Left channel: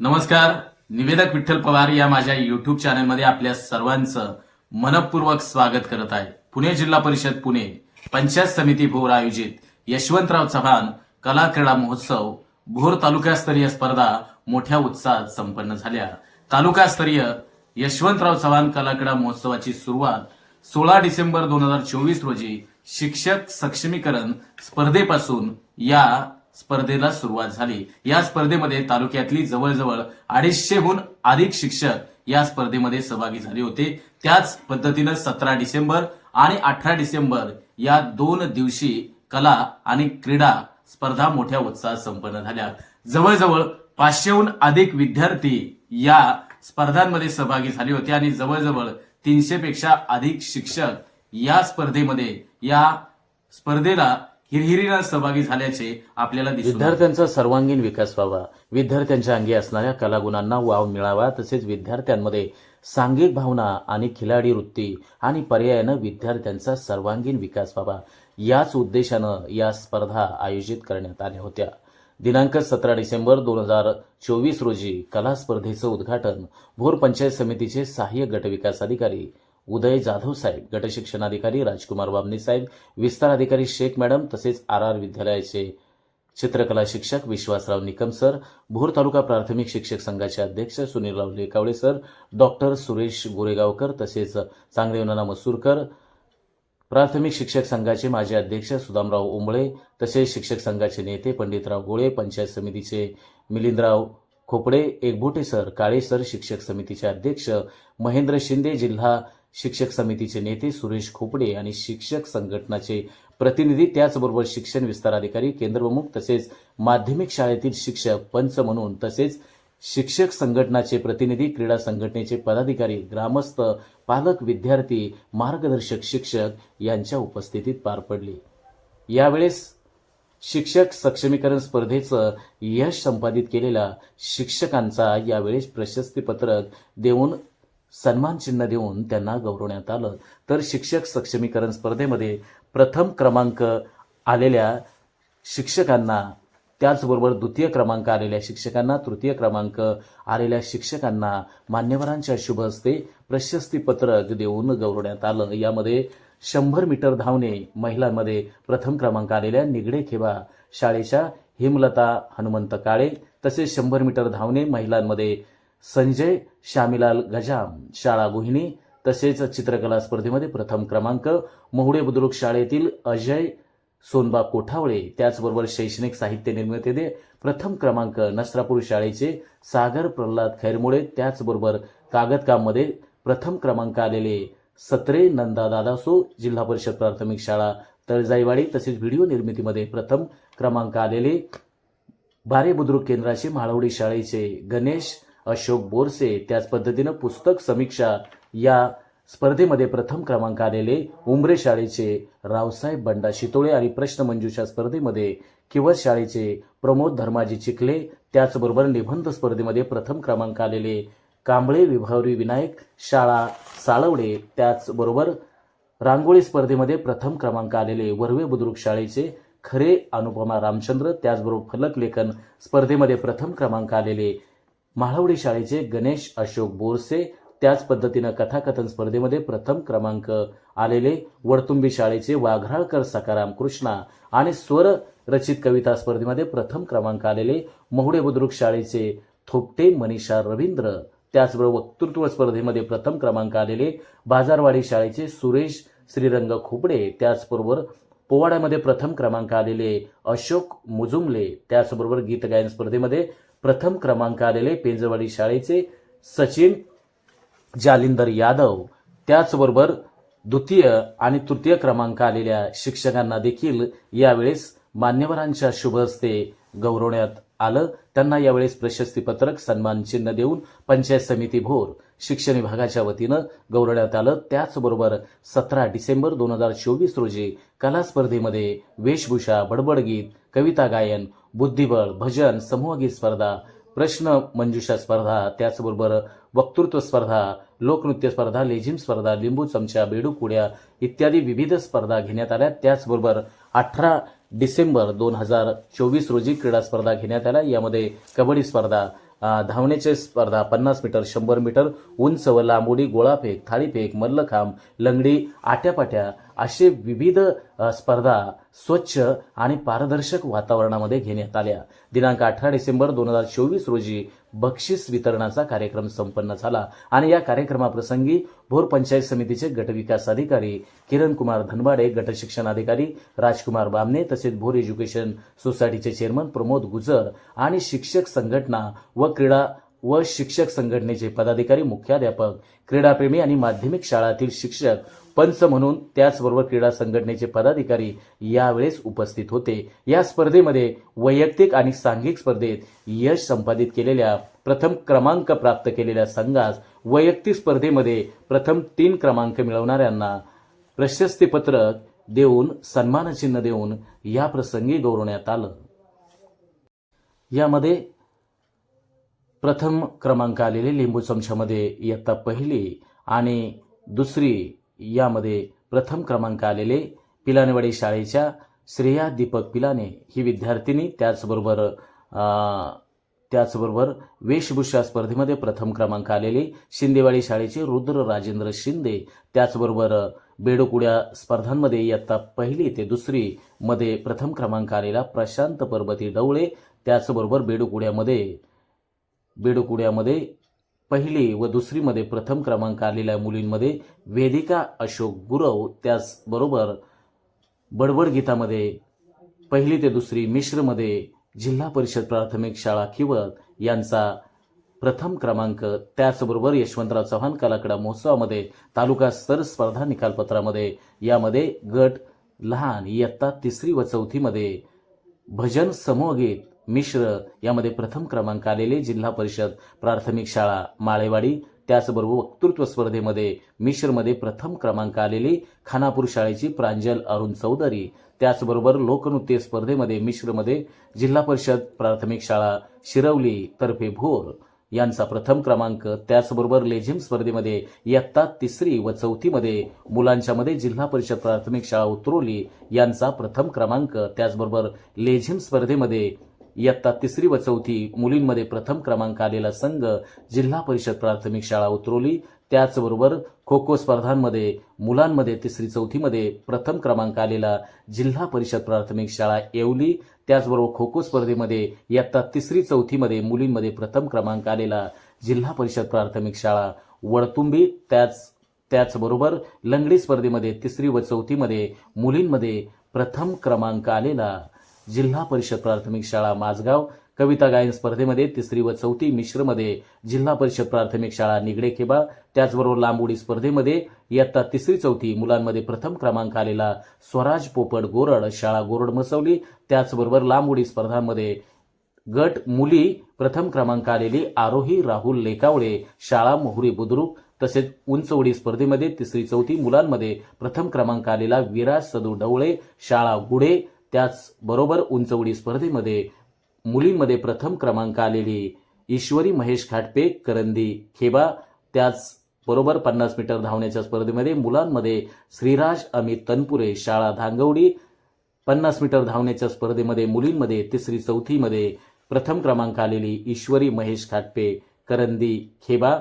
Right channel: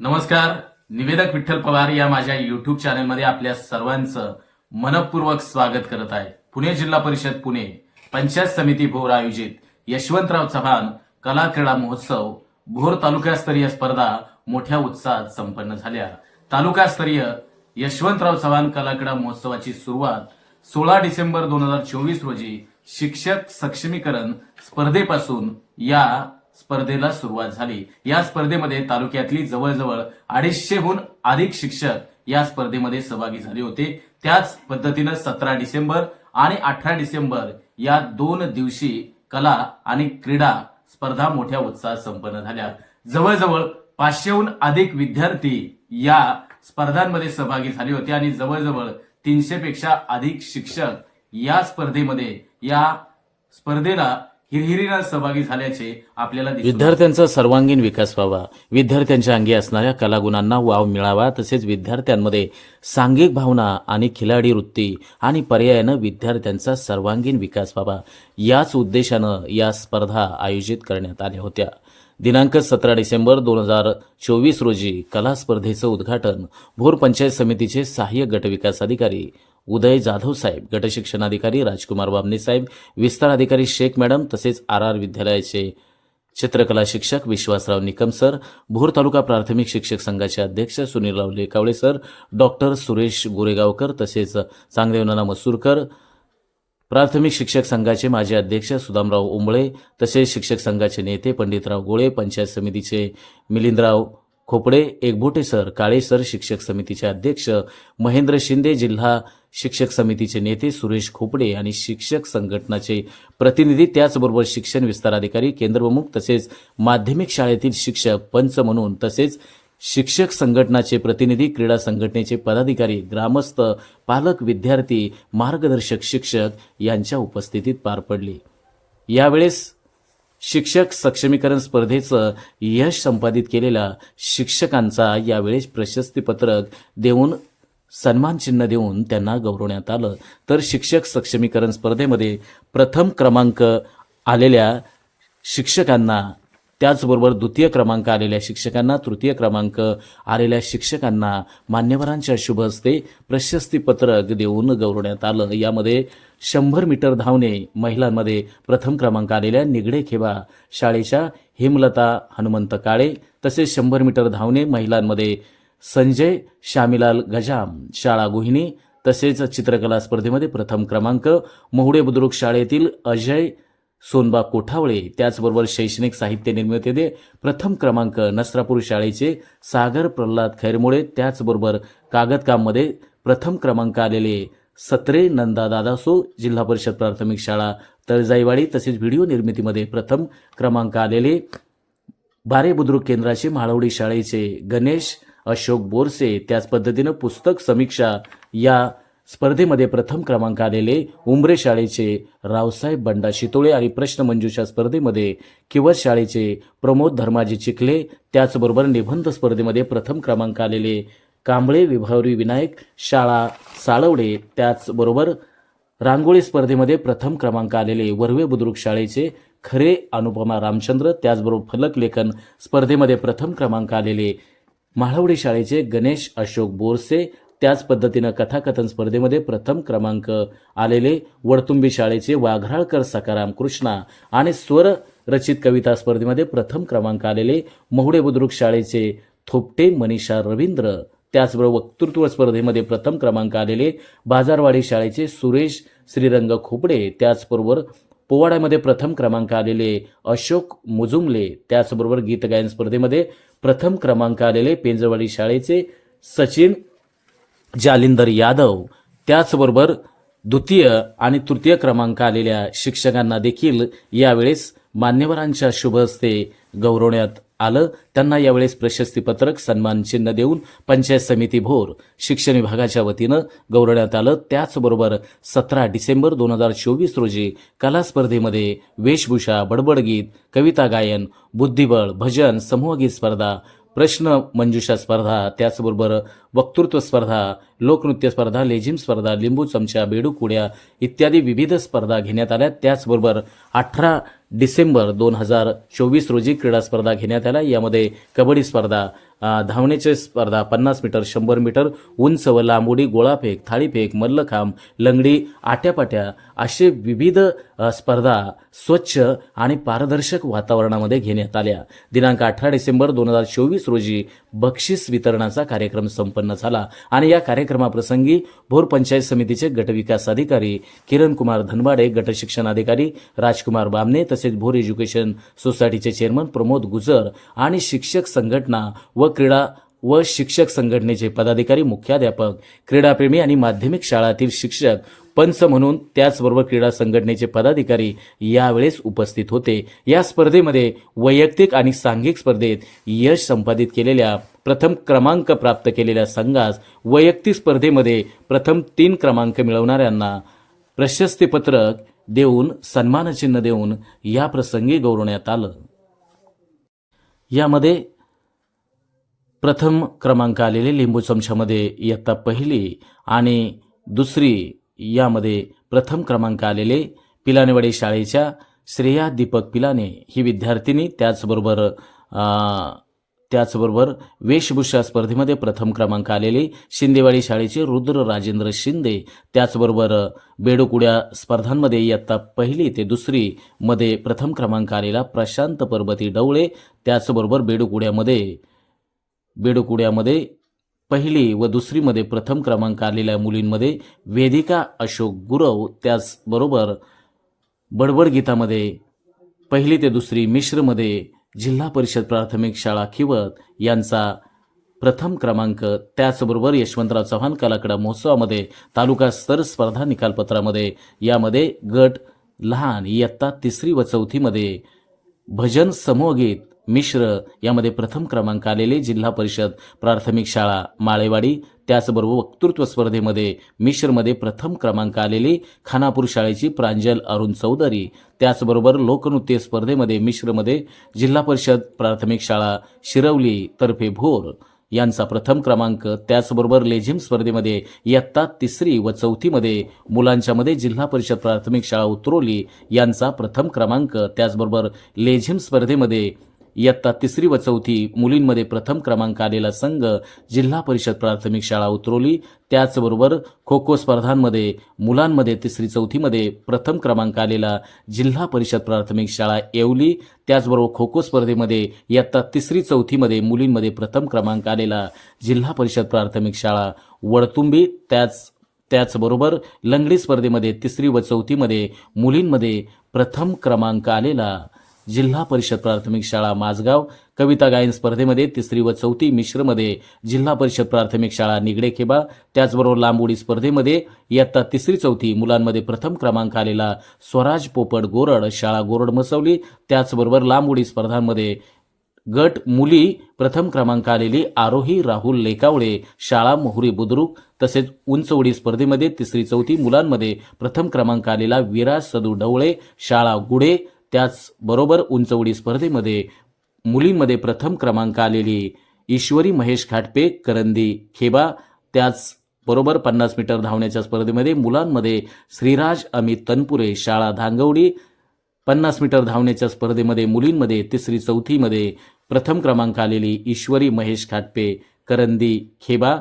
नमस्कार. निवेदक विठ्ठल पवार या माझ्या युट्यूब चॅनलमध्ये आपल्या सर्वांचं मनपूर्वक स्वागत करत आहे. पुणे जिल्हा परिषद पुणे पंचायत समिती भोर आयोजित यशवंतराव चव्हाण कला क्रीडा महोत्सव भोर तालुकास्तरीय स्पर्धा मोठ्या उत्साहात संपन्न झाल्या. तालुकास्तरीय यशवंतराव चव्हाण कला क्रीडा महोत्सवाची सुरुवात सोळा डिसेंबर दोन हजार चोवीस रोजी शिक्षक सक्षमीकरण स्पर्धेपासून या स्पर्धेला सुरुवात झाली. या स्पर्धेमध्ये तालुक्यातली जवळजवळ अडीचशेहून अधिक शिक्षक या स्पर्धेमध्ये सहभागी झाले होते. त्याच पद्धतीनं सतरा डिसेंबर आणि अठरा डिसेंबर या दोन दिवशी कला आणि क्रीडा स्पर्धा मोठ्या उत्साहात संपन्न झाल्या. जवळजवळ पाचशेहून अधिक विद्यार्थी या स्पर्धांमध्ये सहभागी झाले होते आणि जवळजवळ तीनशे पेक्षा अधिक शिक्षक या स्पर्धेमध्ये या स्पर्धेला हिरहिरीनं सहभागी झाल्याचे आपल्याला विद्यार्थ्यांचा सर्वांगीण विकास व्हावा. विद्यार्थ्यांच्या अंगी असणाऱ्या कलागुणांना वाव मिळावा तसेच विद्यार्थ्यांमध्ये सांघिक भावना आणि खिलाडी वृत्ती आणि पर्यायानं विद्यार्थ्यांचा सर्वांगीण विकास व्हावा. याच उद्देशानं या स्पर्धा आयोजित करण्यात आल्या होत्या. दिनांक सतरा डिसेंबर दोन हजार चोवीस रोजी कला स्पर्धेचं उद्घाटन भोर पंचायत समितीचे सहाय्यक गटविकास अधिकारी उदय जाधव साहेब गटशिक्षणाधिकारी राजकुमार बाबने साहेब विस्तार अधिकारी शेख मॅडम तसेच आर आर विद्यालयाचे चित्रकला शिक्षक विश्वासराव निकम सर भोर तालुका प्राथमिक शिक्षक संघाचे अध्यक्ष सुनीलराव लेकावळे सर डॉक्टर सुरेश गोरेगावकर तसेच चांगदेवनाना मसूरकर प्राथमिक शिक्षक संघाचे माजी अध्यक्ष सुदामराव उंबळे तसेच शिक्षक संघाचे नेते पंडितराव गोळे पंचायत समितीचे मिलिंदराव खोपडे एकबोटे सर काळे सर शिक्षक समितीचे अध्यक्ष महेंद्र शिंदे जिल्हा शिक्षक समितीचे नेते सुरेश खोपडे आणि शिक्षक संघटनाचे प्रतिनिधी त्याचबरोबर शिक्षण विस्तार अधिकारी केंद्रप्रमुख तसेच माध्यमिक शाळेतील शिक्षक पंच म्हणून तसेच शिक्षक संघटनाचे प्रतिनिधी क्रीडा संघटनेचे पदाधिकारी ग्रामस्थ पालक विद्यार्थी मार्गदर्शक शिक्षक यांच्या उपस्थितीत पार पडली. यावेळेस शिक्षक सक्षमीकरण स्पर्धेचं यश संपादित केलेल्या शिक्षकांचा यावेळेस प्रशस्तीपत्रक देऊन सन्मान चिन्ह देऊन त्यांना गौरवण्यात आलं. तर शिक्षक सक्षमीकरण स्पर्धेमध्ये प्रथम क्रमांक आलेल्या शिक्षकांना त्याचबरोबर द्वितीय क्रमांक आलेल्या शिक्षकांना तृतीय क्रमांक आलेल्या शिक्षकांना मान्यवरांच्या शुभ हस्ते प्रशस्तीपत्रक देऊन गौरवण्यात आलं. यामध्ये शंभर मीटर धावणे महिलांमध्ये प्रथम क्रमांक आलेल्या निगडे खेबा शाळेच्या हेमलता हनुमंत काळे तसेच शंभर मीटर धावणे महिलांमध्ये संजय शामिलाल गजाम शाळा गुहिणी तसेच चित्रकला स्पर्धेमध्ये प्रथम क्रमांक मोहडे बुद्रुक शाळेतील अजय सोनबा कोठावळे त्याचबरोबर शैक्षणिक साहित्य निर्मितीमध्ये प्रथम क्रमांक नसरापूर शाळेचे सागर प्रल्हाद खैरमुळे त्याचबरोबर कागदकाममध्ये प्रथम क्रमांक आलेले सत्रे नंदा दादासो जिल्हा परिषद प्राथमिक शाळा तळजाईवाडी तसेच व्हिडिओ निर्मितीमध्ये प्रथम क्रमांक आलेले बारे बुद्रुक केंद्राचे म्हाळवडी शाळेचे गणेश अशोक बोरसे त्याच पद्धतीनं पुस्तक समीक्षा या स्पर्धेमध्ये प्रथम क्रमांक आलेले उंबरे शाळेचे रावसाहेब बंडा शितोळे आणि प्रश्नमंजूषा स्पर्धेमध्ये किवत शाळेचे प्रमोद धर्माजी चिखले त्याचबरोबर निबंध स्पर्धेमध्ये प्रथम क्रमांक आलेले कांबळे विभावरी विनायक शाळा साळवडे त्याचबरोबर रांगोळी स्पर्धेमध्ये प्रथम क्रमांक आलेले वर्वे बुद्रुक शाळेचे खरे अनुपमा रामचंद्र त्याचबरोबर फलक लेखन स्पर्धेमध्ये प्रथम क्रमांक आलेले म्हाळवडी शाळेचे गणेश अशोक बोरसे त्याच पद्धतीनं कथाकथन स्पर्धेमध्ये प्रथम क्रमांक आलेले वडतुंबी शाळेचे वाघराळकर सकाराम कृष्णा आणि स्वर रचित कविता स्पर्धेमध्ये प्रथम क्रमांक आलेले मोहुडे बुद्रुक शाळेचे थोपटे मनीषा रवींद्र. त्याचबरोबर वक्तृत्व स्पर्धेमध्ये प्रथम क्रमांक आलेले बाजारवाडी शाळेचे सुरेश श्रीरंग खोपडे त्याचबरोबर पोवाड्यामध्ये प्रथम क्रमांक आलेले अशोक मुजुमले त्याचबरोबर गीत गायन स्पर्धेमध्ये प्रथम क्रमांक आलेले पेंजवाडी शाळेचे सचिन जालिंदर यादव त्याचबरोबर द्वितीय आणि तृतीय क्रमांक आलेल्या शिक्षकांना देखील यावेळेस मान्यवरांच्या शुभ हस्ते गौरवण्यात आलं त्यांना यावेळेस प्रशस्तीपत्रक सन्मान चिन्ह देऊन पंचायत समिती भोर शिक्षण विभागाच्या वतीनं गौरवण्यात आलं. त्याचबरोबर सतरा डिसेंबर दोन हजार चोवीस रोजी कला स्पर्धेमध्ये वेशभूषा बडबडगीत कविता गायन बुद्धिबळ भजन समूहगीत स्पर्धा प्रश्न मंजुषा स्पर्धा त्याचबरोबर वक्तृत्व स्पर्धा लोकनृत्य स्पर्धा लेझिम स्पर्धा लिंबू चमचा बेडू कुड्या इत्यादी विविध स्पर्धा घेण्यात आल्या. त्याचबरोबर अठरा डिसेंबर दोन हजार चोवीस रोजी क्रीडा स्पर्धा घेण्यात आल्या. यामध्ये कबड्डी स्पर्धा धावण्याच्या स्पर्धा पन्नास मीटर शंभर मीटर उंच व लांबोडी गोळाफेक थाळीफेक मल्लखांब लंगडी आट्यापाट्या असे विविध स्पर्धा स्वच्छ आणि पारदर्शक वातावरणामध्ये घेण्यात आल्या. दिनांक अठरा डिसेंबर दोन हजार चोवीस रोजी बक्षीस वितरणाचा कार्यक्रम संपन्न झाला आणि या कार्यक्रमाप्रसंगी भोर पंचायत समितीचे गटविकास अधिकारी किरण कुमार धनवाडे गट शिक्षणाधिकारी राजकुमार बामणे तसेच भोर एज्युकेशन सोसायटीचे चेअरमन प्रमोद गुजर आणि शिक्षक संघटना व क्रीडा व शिक्षक संघटनेचे पदाधिकारी मुख्याध्यापक क्रीडाप्रेमी आणि माध्यमिक शाळातील शिक्षक पंच म्हणून त्याचबरोबर क्रीडा संघटनेचे पदाधिकारी यावेळेस उपस्थित होते. या स्पर्धेमध्ये वैयक्तिक आणि सांघिक स्पर्धेत यश संपादित केलेल्या प्रथम क्रमांक प्राप्त केलेल्या संघास वैयक्तिक स्पर्धेमध्ये प्रथम तीन क्रमांक मिळवणाऱ्यांना प्रशस्तीपत्रक देऊन सन्मानचिन्ह देऊन या प्रसंगी गौरवण्यात आलं. यामध्ये प्रथम क्रमांक आलेले लिंबू चमच्यामध्ये इयत्ता पहिली आणि दुसरी यामध्ये प्रथम क्रमांक आलेले पिलानेवाडी शाळेच्या श्रेया दीपक पिलाने. ही विद्यार्थिनी त्याचबरोबर त्याचबरोबर वेशभूषा स्पर्धेमध्ये प्रथम क्रमांक आलेले शिंदेवाडी शाळेचे रुद्र राजेंद्र शिंदे त्याचबरोबर बेडोकुड्या स्पर्धांमध्ये इयत्ता पहिली ते दुसरी मध्ये प्रथम क्रमांक आलेला प्रशांत पर्वती डवळे त्याचबरोबर बेडोकुड्यामध्ये बेडकुड्यामध्ये पहिली व दुसरीमध्ये प्रथम क्रमांक आलेल्या मुलींमध्ये वेदिका अशोक गुरव त्याचबरोबर बडबड गीतामध्ये पहिली ते दुसरी मिश्रमध्ये जिल्हा परिषद प्राथमिक शाळा खिवत यांचा प्रथम क्रमांक त्याचबरोबर यशवंतराव चव्हाण कलाकडा महोत्सवामध्ये तालुका स्तर स्पर्धा निकालपत्रामध्ये यामध्ये गट लहान इयत्ता तिसरी व चौथीमध्ये भजन समूहगीत मिश्र यामध्ये प्रथम क्रमांक आलेले जिल्हा परिषद प्राथमिक शाळा माळेवाडी. त्याचबरोबर वक्तृत्व स्पर्धेमध्ये मिश्रमध्ये प्रथम क्रमांक आलेली खानापूर शाळेची प्रांजल अरुण चौधरी. त्याचबरोबर लोकनृत्य स्पर्धेमध्ये मिश्रमध्ये जिल्हा परिषद प्राथमिक शाळा शिरवली तर्फे भोर. यांचा प्रथम क्रमांक त्याचबरोबर लेझिम स्पर्धेमध्ये इयत्ता तिसरी व चौथीमध्ये मुलांच्यामध्ये जिल्हा परिषद प्राथमिक शाळा उतरोली यांचा प्रथम क्रमांक त्याचबरोबर लेझिम स्पर्धेमध्ये इयत्ता तिसरी व चौथी मुलींमध्ये प्रथम क्रमांक आलेला संघ जिल्हा परिषद प्राथमिक शाळा उतरवली. त्याचबरोबर खो खो स्पर्धांमध्ये मुलांमध्ये तिसरी चौथीमध्ये प्रथम क्रमांक आलेला जिल्हा परिषद प्राथमिक शाळा येवली. त्याचबरोबर खो खो स्पर्धेमध्ये इयत्ता तिसरी चौथीमध्ये मुलींमध्ये प्रथम क्रमांक आलेला जिल्हा परिषद प्राथमिक शाळा वडतुंबी. त्याच त्याचबरोबर लंगडी स्पर्धेमध्ये तिसरी व चौथीमध्ये मुलींमध्ये प्रथम क्रमांक आलेला जिल्हा परिषद प्राथमिक शाळा माझगाव कविता गायन स्पर्धेमध्ये तिसरी व चौथी मिश्रमध्ये जिल्हा परिषद प्राथमिक शाळा निगडे खेबा त्याचबरोबर लांबोडी स्पर्धेमध्ये इयत्ता तिसरी चौथी मुलांमध्ये प्रथम क्रमांक आलेला स्वराज पोपट गोरड शाळा गोरड मसवली त्याचबरोबर लांबोडी स्पर्धांमध्ये गट मुली प्रथम क्रमांक आलेली आरोही राहुल लेकावळे शाळा मोहरी बुद्रुक. तसेच उंच उडी स्पर्धेमध्ये तिसरी चौथी मुलांमध्ये प्रथम क्रमांक आलेला विराज सदू डवळे शाळा गुडे त्याचबरोबर उंच उडी स्पर्धेमध्ये मुलींमध्ये प्रथम क्रमांक आलेली ईश्वरी महेश खाटपे करंदी खेबा त्याच बरोबर पन्नास मीटर धावण्याच्या स्पर्धेमध्ये मुलांमध्ये श्रीराज अमित तनपुरे शाळा धांगवडी पन्नास मीटर धावण्याच्या स्पर्धेमध्ये मुलींमध्ये तिसरी चौथीमध्ये प्रथम क्रमांक आलेली ईश्वरी महेश खाटपे करंदी खेबा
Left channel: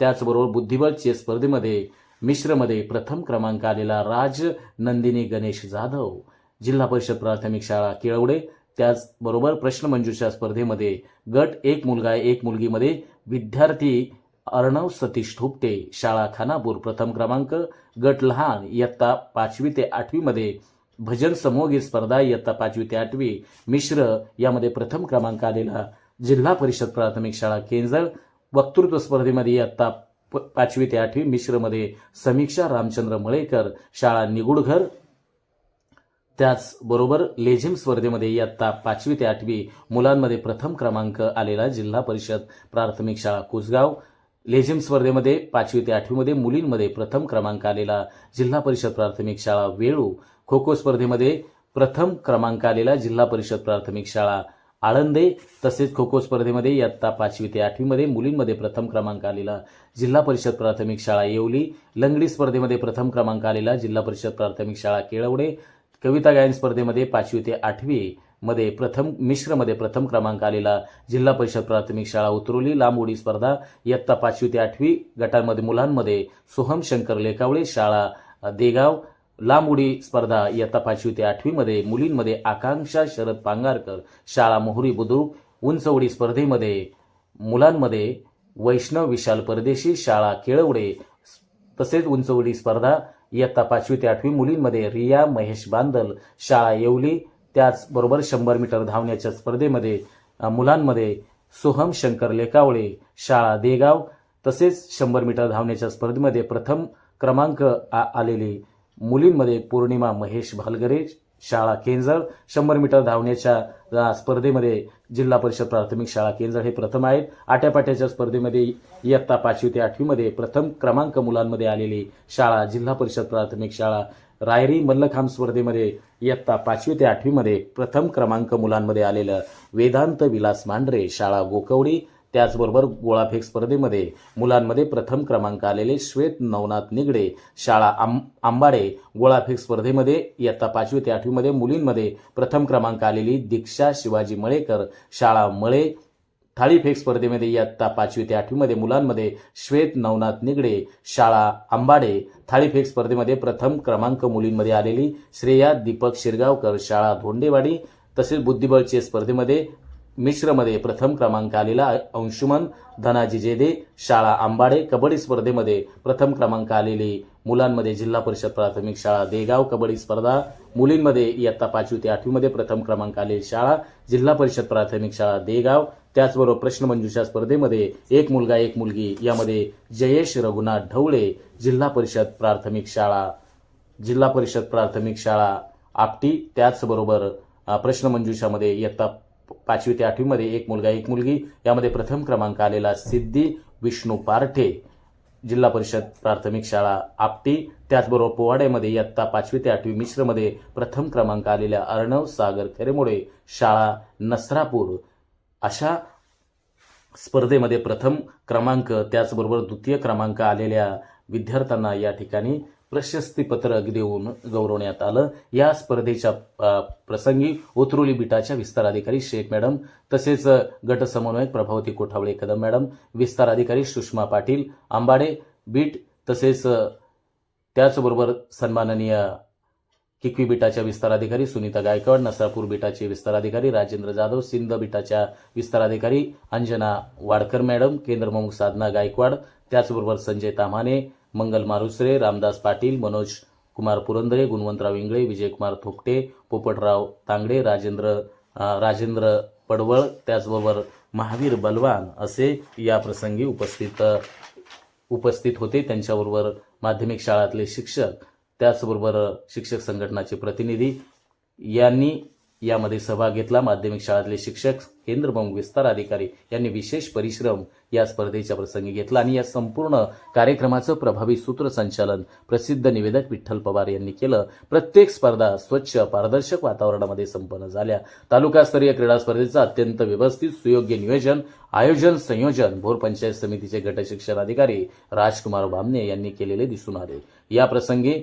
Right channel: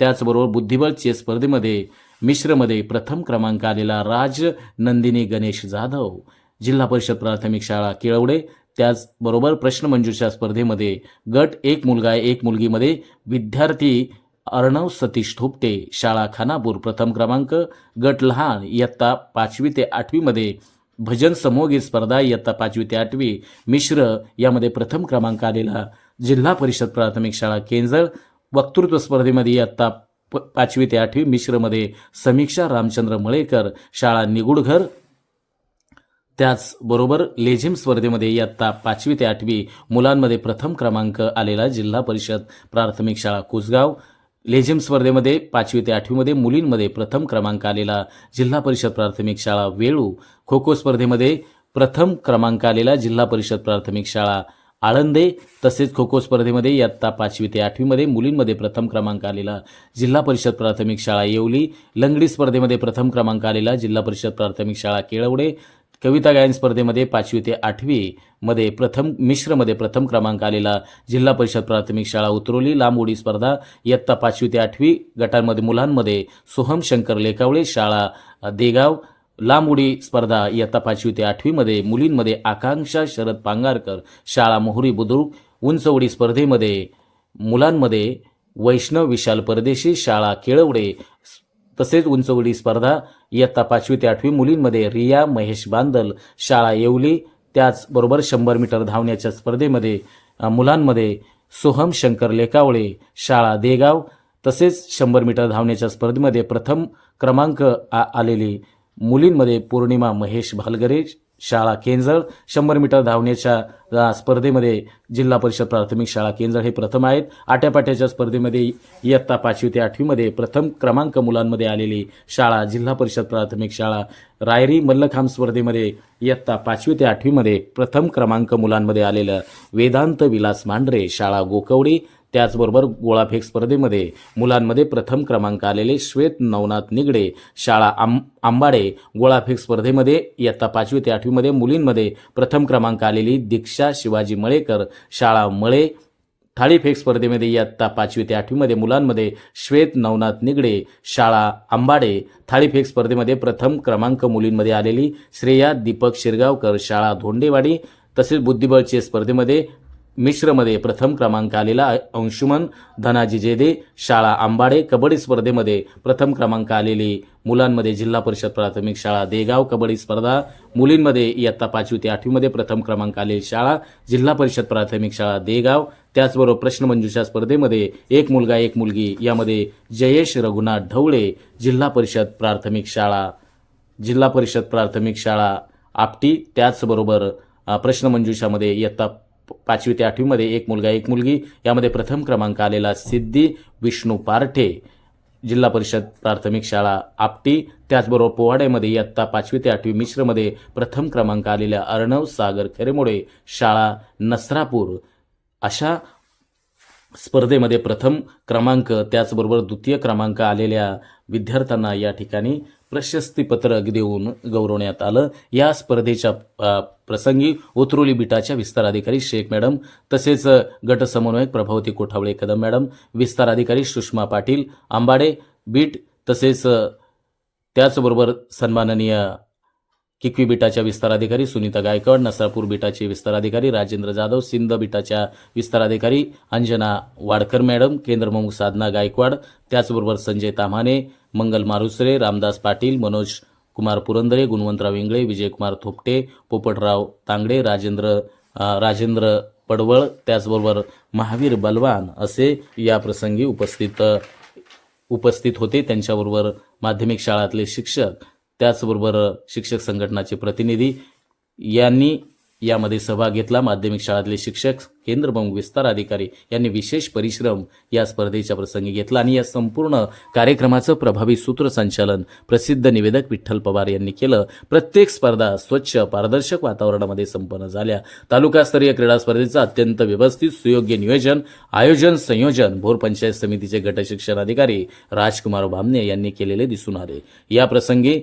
त्याचबरोबर बुद्धिबळ चेस स्पर्धेमध्ये मिश्रमध्ये प्रथम क्रमांक आलेला राज नंदिनी गणेश जाधव. जिल्हा परिषद प्राथमिक शाळा केळवडे. त्याचबरोबर प्रश्नमंजुषा स्पर्धेमध्ये गट एक मुलगा एक मुलगीमध्ये विद्यार्थी अर्णव सतीश थोपटे शाळा खानापूर प्रथम क्रमांक गट लहान इयत्ता पाचवी ते आठवीमध्ये भजन समोगी स्पर्धा इयत्ता पाचवी ते आठवी मिश्र यामध्ये प्रथम क्रमांक आलेला जिल्हा परिषद प्राथमिक शाळा केंजळ. वक्तृत्व स्पर्धेमध्ये इयत्ता प- पाचवी ते आठवी मिश्रमध्ये समीक्षा रामचंद्र मळेकर. शाळा निगुडघर त्याचबरोबर लेझिम स्पर्धेमध्ये इयत्ता पाचवी ते आठवी मुलांमध्ये प्रथम क्रमांक आलेला जिल्हा परिषद प्राथमिक शाळा कुसगाव. लेझिम स्पर्धेमध्ये पाचवी ते आठवीमध्ये मुलींमध्ये प्रथम क्रमांक आलेला जिल्हा परिषद प्राथमिक शाळा वेळू. खो खो स्पर्धेमध्ये प्रथम क्रमांक आलेला जिल्हा परिषद प्राथमिक शाळा आळंदे. तसेच खो खो स्पर्धेमध्ये इयत्ता पाचवी ते आठवीमध्ये मुलींमध्ये प्रथम क्रमांक आलेला जिल्हा परिषद प्राथमिक शाळा येवली. लंगडी स्पर्धेमध्ये प्रथम क्रमांक आलेला जिल्हा परिषद प्राथमिक शाळा केळवडे. कविता गायन स्पर्धेमध्ये पाचवी ते आठवी मध्ये प्रथम मिश्रमध्ये प्रथम क्रमांक आलेला जिल्हा परिषद प्राथमिक शाळा उतरवली लांब उडी स्पर्धा इयत्ता पाचवी ते आठवी गटांमध्ये मुलांमध्ये सोहम शंकर लेकावळे शाळा देगाव लांब उडी स्पर्धा इयत्ता पाचवी ते आठवीमध्ये मुलींमध्ये आकांक्षा शरद पांगारकर शाळा मोहरी बुद्रुक उंच उडी स्पर्धेमध्ये मुलांमध्ये वैष्णव विशाल परदेशी शाळा केळवडे तसेच उंच उडी स्पर्धा इयत्ता पाचवी ते आठवी मुलींमध्ये रिया महेश बांदल शाळा येवली त्याचबरोबर शंभर मीटर धावण्याच्या स्पर्धेमध्ये मुलांमध्ये सोहम शंकर लेकावळे शाळा देगाव तसेच शंभर मीटर धावण्याच्या स्पर्धेमध्ये प्रथम क्रमांक आ- आलेली मुलींमध्ये पौर्णिमा महेश भालगरे शाळा केंजळ. शंभर मीटर धावण्याच्या स्पर्धेमध्ये जिल्हा परिषद प्राथमिक शाळा केंजळ हे प्रथम आहेत. आट्यापाट्याच्या स्पर्धेमध्ये इयत्ता पाचवी ते आठवीमध्ये प्रथम क्रमांक मुलांमध्ये आलेली शाळा जिल्हा परिषद प्राथमिक शाळा रायरी मल्लखांब स्पर्धेमध्ये इयत्ता पाचवी ते आठवीमध्ये प्रथम क्रमांक मुलांमध्ये आलेलं वेदांत विलास मांढरे शाळा गोकवडी त्याचबरोबर गोळाफेक स्पर्धेमध्ये मुलांमध्ये प्रथम क्रमांक आलेले श्वेत नवनाथ निगडे शाळा आंब आंबाडे गोळाफेक स्पर्धेमध्ये इयत्ता पाचवी ते आठवीमध्ये मुलींमध्ये प्रथम क्रमांक आलेली दीक्षा शिवाजी मळेकर शाळा मळे थाळीफेक स्पर्धेमध्ये इयत्ता पाचवी ते आठवीमध्ये मुलांमध्ये श्वेत नवनाथ निगडे शाळा आंबाडे थाळीफेक स्पर्धेमध्ये प्रथम क्रमांक मुलींमध्ये आलेली श्रेया दीपक शिरगावकर शाळा धोंडेवाडी तसेच बुद्धिबळचे स्पर्धेमध्ये मिश्रमध्ये प्रथम क्रमांक आलेला अंशुमन धनाजी जेदे शाळा आंबाडे कबड्डी स्पर्धेमध्ये प्रथम क्रमांक आलेली मुलांमध्ये जिल्हा परिषद प्राथमिक शाळा देगाव कबड्डी स्पर्धा मुलींमध्ये इयत्ता पाचवी ते आठवीमध्ये प्रथम क्रमांक आलेली शाळा जिल्हा परिषद प्राथमिक शाळा देगाव. त्याचबरोबर प्रश्नमंजुषा स्पर्धेमध्ये एक मुलगा एक मुलगी यामध्ये जयेश रघुनाथ ढवळे जिल्हा परिषद प्राथमिक शाळा जिल्हा परिषद प्राथमिक शाळा आपटी. त्याचबरोबर प्रश्नमंजुषामध्ये इयत्ता पाचवी ते आठवीमध्ये एक मुलगा एक मुलगी. यामध्ये प्रथम क्रमांक आलेला सिद्धी विष्णू पारठे. जिल्हा परिषद प्राथमिक शाळा आपटी. त्याचबरोबर पोवाड्यामध्ये इयत्ता पाचवी ते आठवी मिश्रमध्ये प्रथम क्रमांक आलेल्या अर्णव सागर खरेमोडे शाळा नसरापूर. अशा स्पर्धेमध्ये प्रथम क्रमांक त्याचबरोबर द्वितीय क्रमांक आलेल्या विद्यार्थ्यांना या ठिकाणी प्रशस्तीपत्रक देऊन गौरवण्यात आलं. या स्पर्धेच्या प्रसंगी उतरुली बिटाच्या विस्ताराधिकारी शेख मॅडम तसेच गट समन्वयक प्रभावती कोठावळे कदम मॅडम विस्ताराधिकारी सुषमा पाटील आंबाडे बीट तसेच त्याचबरोबर सन्माननीय किकवी बिटाच्या विस्ताराधिकारी सुनीता गायकवाड नसरापूर बिटाचे विस्तार अधिकारी राजेंद्र जाधव सिंध बिटाच्या विस्ताराधिकारी अंजना वाडकर मॅडम केंद्रप्रमुख साधना गायकवाड त्याचबरोबर संजय ताम्हाणे मंगल मारुसरे रामदास पाटील मनोज कुमार पुरंदरे गुणवंतराव इंगळे विजयकुमार थोपटे पोपटराव तांगडे राजेंद्र राजेंद्र पडवळ त्याचबरोबर महावीर बलवान असे या प्रसंगी उपस्थित उपस्थित होते. त्यांच्याबरोबर माध्यमिक शाळातले शिक्षक त्याचबरोबर शिक्षक संघटनाचे प्रतिनिधी यांनी यामध्ये सहभाग घेतला माध्यमिक शाळातले शिक्षक केंद्रप्रमुख विस्तार अधिकारी यांनी विशेष परिश्रम या स्पर्धेच्या प्रसंगी घेतला आणि या संपूर्ण कार्यक्रमाचं प्रभावी सूत्रसंचालन प्रसिद्ध निवेदक विठ्ठल पवार यांनी केलं. प्रत्येक स्पर्धा स्वच्छ पारदर्शक वातावरणामध्ये संपन्न झाल्या. तालुकास्तरीय क्रीडा स्पर्धेचं अत्यंत व्यवस्थित सुयोग्य नियोजन आयोजन संयोजन भोर पंचायत समितीचे गट शिक्षण अधिकारी राजकुमार भामने यांनी केलेले दिसून आले. या प्रसंगी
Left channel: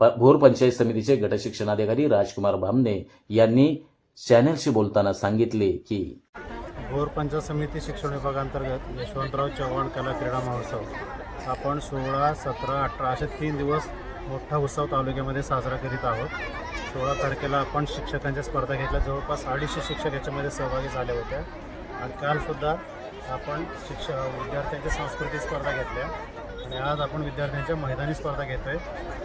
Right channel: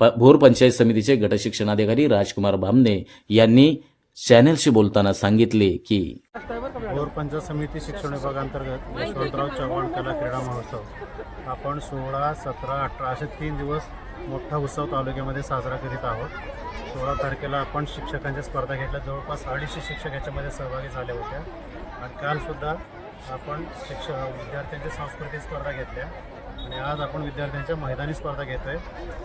प- भोर पंचायत समितीचे गटशिक्षणाधिकारी राजकुमार भामने यांनी चॅनेलशी बोलताना सांगितले की भोर पंचायत समिती शिक्षण विभागांतर्गत यशवंतराव चव्हाण कला क्रीडा महोत्सव. आपण सोळा सतरा अठरा असे तीन दिवस मोठा उत्सव तालुक्यामध्ये साजरा करीत आहोत. सोळा तारखेला आपण शिक्षकांच्या स्पर्धा घेतल्या. जवळपास अडीचशे शिक्षक याच्यामध्ये सहभागी झाल्या होत्या. आणि कालसुद्धा आपण शिक्ष विद्यार्थ्यांच्या सांस्कृतिक स्पर्धा घेतल्या. आणि आज आपण विद्यार्थ्यांच्या मैदानी स्पर्धा घेतो आहे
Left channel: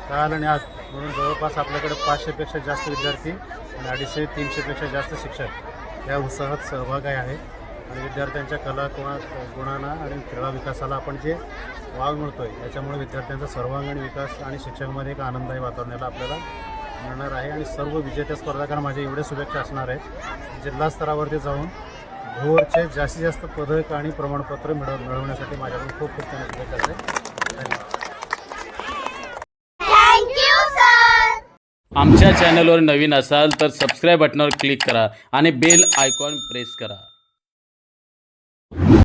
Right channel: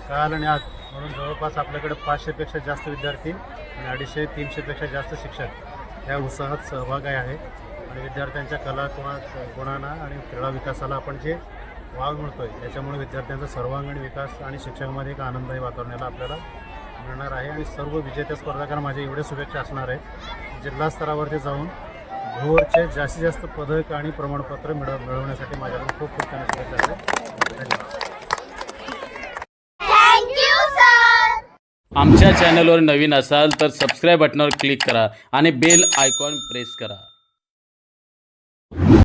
काल आणि आज म्हणून जवळपास आपल्याकडे पाचशेपेक्षा जास्त विद्यार्थी आणि अडीचशे तीनशेपेक्षा जास्त शिक्षक या उत्साहात सहभागी आहे. आणि विद्यार्थ्यांच्या कला गुणा गुणांना आणि क्रीडा विकासाला आपण जे वाव मिळतो आहे याच्यामुळे विद्यार्थ्यांचा सर्वांगीण विकास आणि शिक्षकामध्ये एक आनंददायी वातावरणाला आपल्याला मिळणार आहे. आणि सर्व विजेत्या स्पर्धकांना माझ्या एवढ्या शुभेच्छा असणार आहे जिल्हा स्तरावरती जाऊन भोरचे जास्तीत जास्त पदक आणि प्रमाणपत्र मिळव मिळवण्यासाठी माझ्याकडून खूप खूप त्यांना शुभेच्छा असते आमच्या चॅनलवर नवीन असाल तर सबस्क्राईब बटनवर क्लिक करा आणि बेल आयकॉन प्रेस करा.